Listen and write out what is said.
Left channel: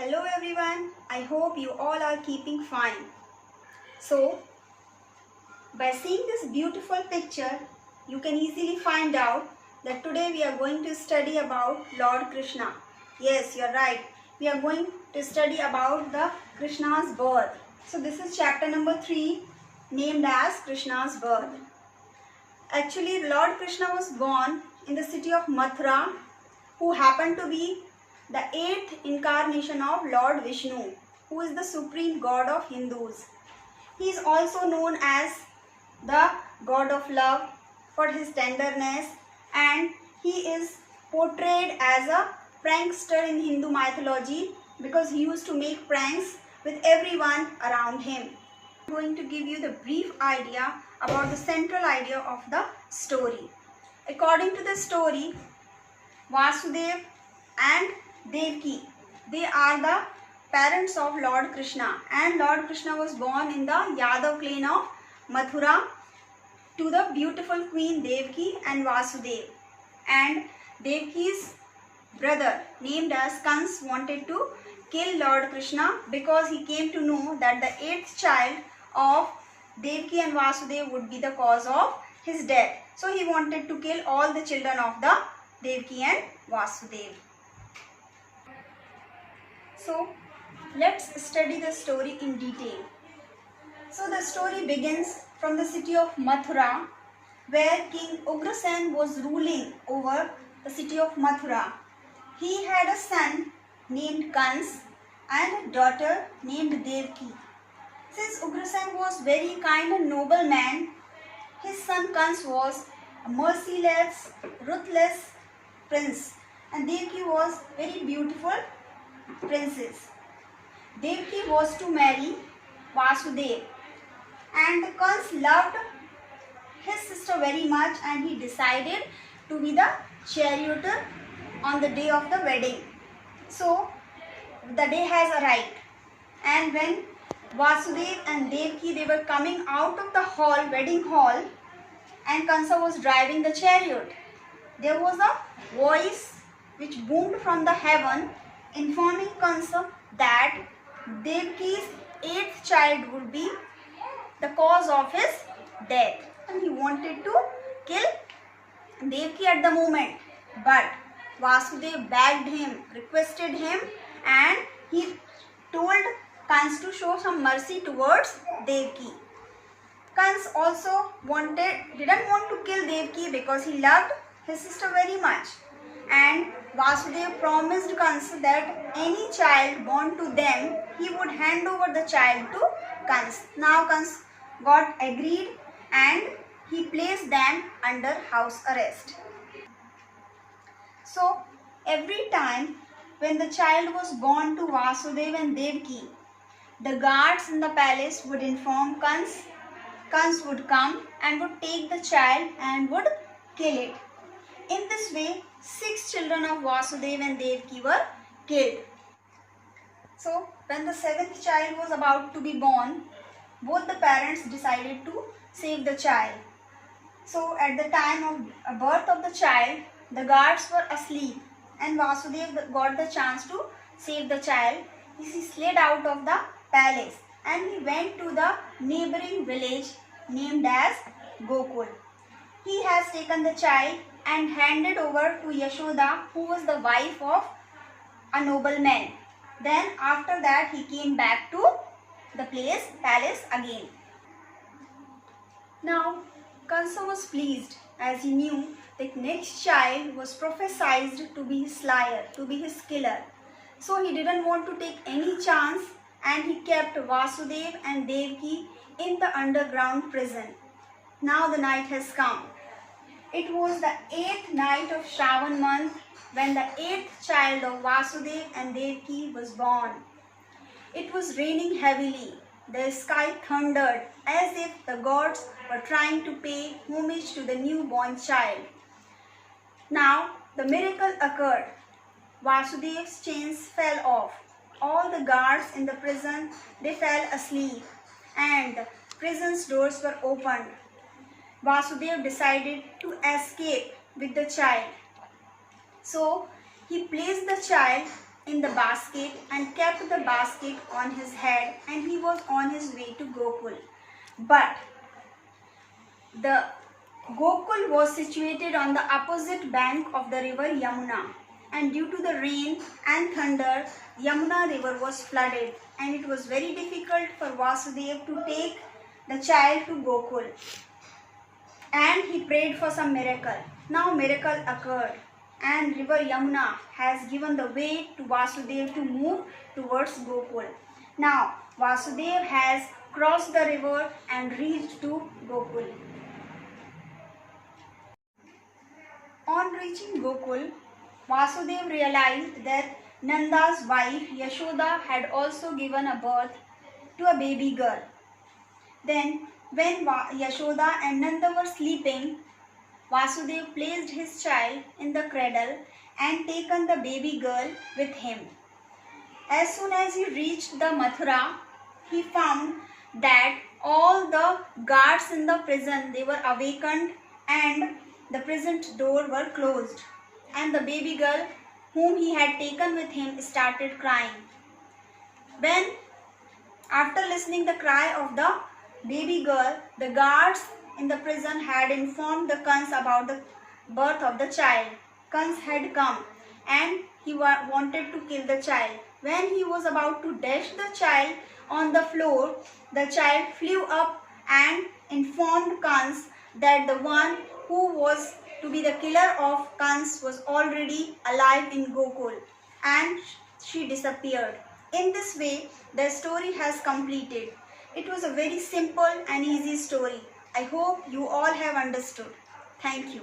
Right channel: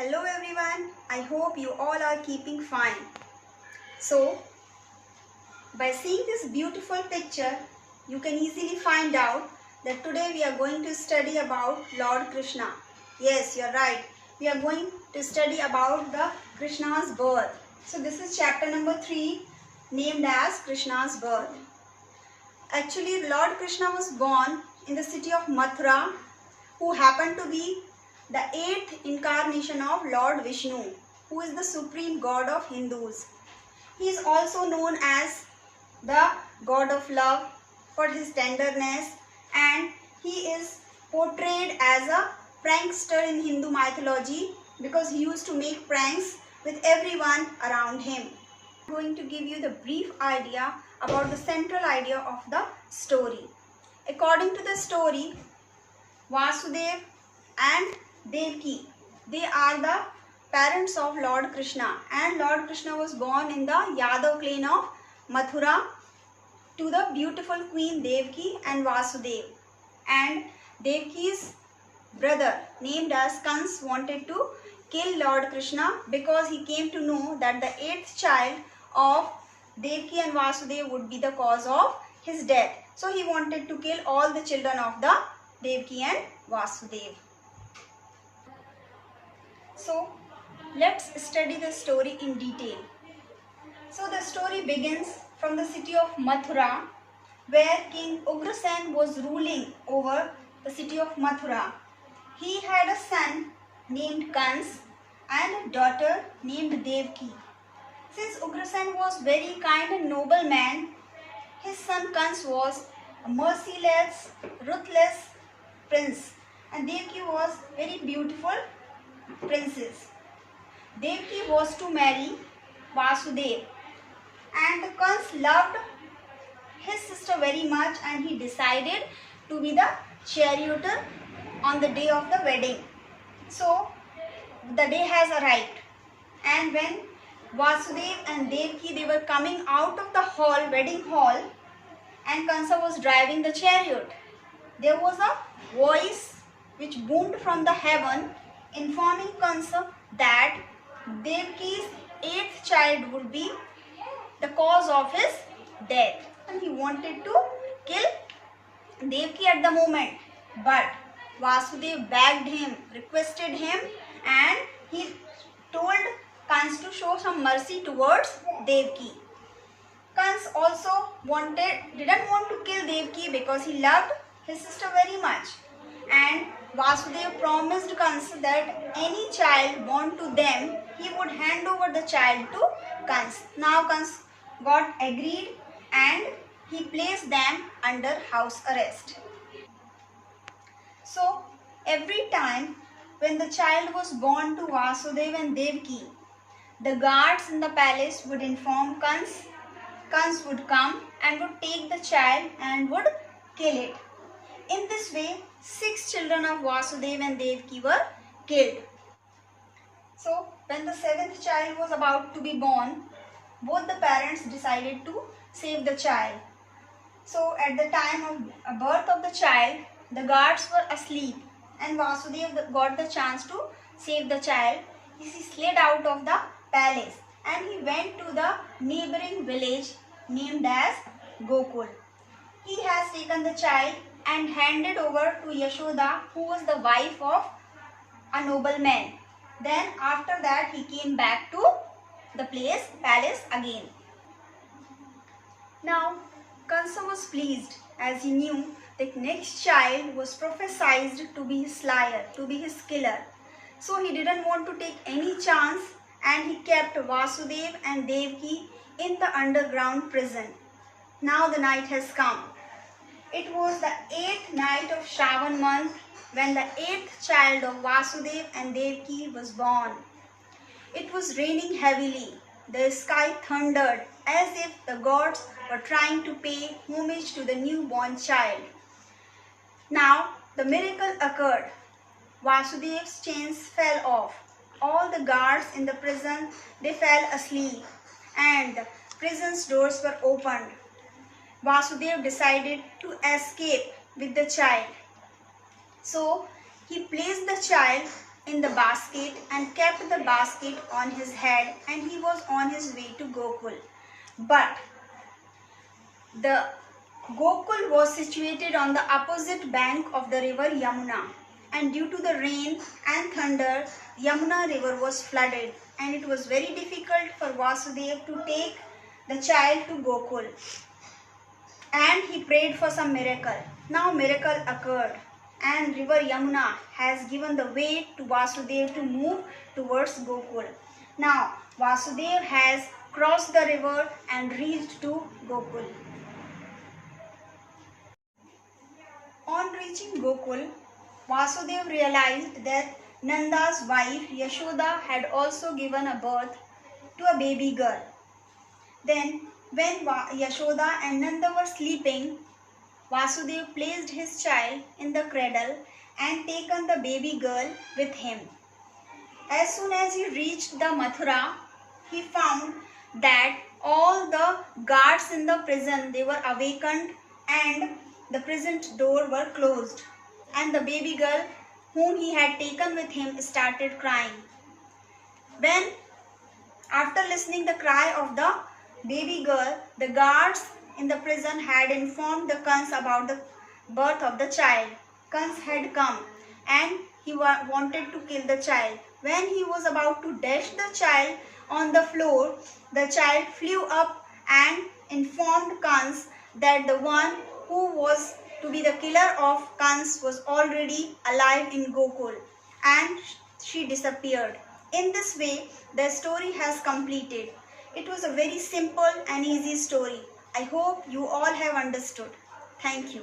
Hello everyone, I hope you all are keeping fine. So, by seeing this beautiful picture, you can easily find out that today we are going to study about Lord Krishna. Yes, you are right. We are going to study about the Krishna's birth. So this is chapter number 3 named as Krishna's birth. Actually, Lord Krishna was born in the city of Mathura, who happened to be the 8th incarnation of Lord Vishnu, who is the supreme god of Hindus. He is also known as the god of love for his tenderness, and he is portrayed as a prankster in Hindu mythology because he used to make pranks with everyone around him. I am going to give you the brief idea about the central idea of the story. According to the story, Vasudev and Devaki, they are the parents of Lord Krishna, and Lord Krishna was born in the Yadav clan of Mathura to the beautiful queen Devaki and Vasudev. And Devaki's brother named as Kans wanted to kill Lord Krishna because he came to know that the 8th child of Devaki and Vasudev would be the cause of his death. So he wanted to kill all the children of the Devaki and Vasudev. So let's study the story in detail. So the story begins from the city of Mathura, where King Ugrasen was ruling over the city of Mathura. He had a son named Kans and a daughter named Devaki. Since Ugrasen was very kind and noble man, his son Kans was a merciless, ruthless prince, and Devaki was very beautiful princess. Devaki was to marry Vasudev, and Kans loved his sister very much, and he decided to be the charioteer on the day of the wedding. So the day has arrived, and when Vasudev and Devaki, they were coming out of the hall, wedding hall, and Kansa was driving the chariot, there was a voice which boomed from the heaven informing Kansa that Devaki's 8th child would be the cause of his death, and he wanted to kill Devaki at the moment. But Vasudev begged him, requested him, and he told Kans to show some mercy towards Devaki. Kans also didn't want to kill Devaki because he loved his sister very much, and Vasudev promised Kans that any child born to them, he would hand over the child to Kans. Now Kans got agreed, and he placed them under house arrest. So every time when the child was born to Vasudev and Devaki, the guards in the palace would inform Kans. Kans would come and would take the child and would kill it. In this way, 6 children of Vasudev and Devaki were killed. So when the 7th child was about to be born, both the parents decided to save the child. So at the time of birth of the child, the guards were asleep, and Vasudev got the chance to save the child. He slid out of the palace and he went to the neighboring village named as Gokul. He has taken the child and handed over to Yashoda, who was the wife of a nobleman. Then after that he came back to the palace again. Now Kansa was pleased, as he knew the next child was prophesied to be his slayer, to be his killer. So he didn't want to take any chance, and he kept Vasudev and Devaki in the underground prison. Now the night has come. It was the 8th night of Shravan month when the 8th child of Vasudev and Devaki was born. It was raining heavily. The sky thundered as if the gods were trying to pay homage to the newborn child. Now the miracle occurred. Vasudev's chains fell off. All the guards in the prison, they fell asleep, and the prison's doors were opened. Vasudev decided to escape with the child. So he placed the child in the basket and kept the basket on his head, and he was on his way to Gokul. But the Gokul was situated on the opposite bank of the river Yamuna, and due to the rain and thunder, Yamuna river was flooded, and it was very difficult for Vasudeva to take the child to Gokul. And he prayed for some miracle. Now miracle occurred, and river Yamuna has given the way to Vasudeva to move towards Gokul. Now Vasudeva has crossed the river and reached to Gokul. On reaching Gokul, Vasudeva realized that Nanda's wife Yashoda had also given a birth to a baby girl. Then, when Yashoda and Nanda were sleeping, Vasudeva placed his child in the cradle and taken the baby girl with him. As soon as he reached the Mathura, he found that all the guards in the prison, they were awakened and the prison door were closed, and the baby girl whom he had taken with him started crying. When, after listening the cry of the baby girl, the guards in the prison had informed the Kans about the birth of the child. Kans had come and he wanted to kill the child. When he was about to dash the child on the floor, the child flew up and informed Kans that the one who was to be the killer of Kans was already alive in Gokul, and she disappeared. In this way, the story has completed. It was a very simple and easy story. I hope you all have understood. Thank you.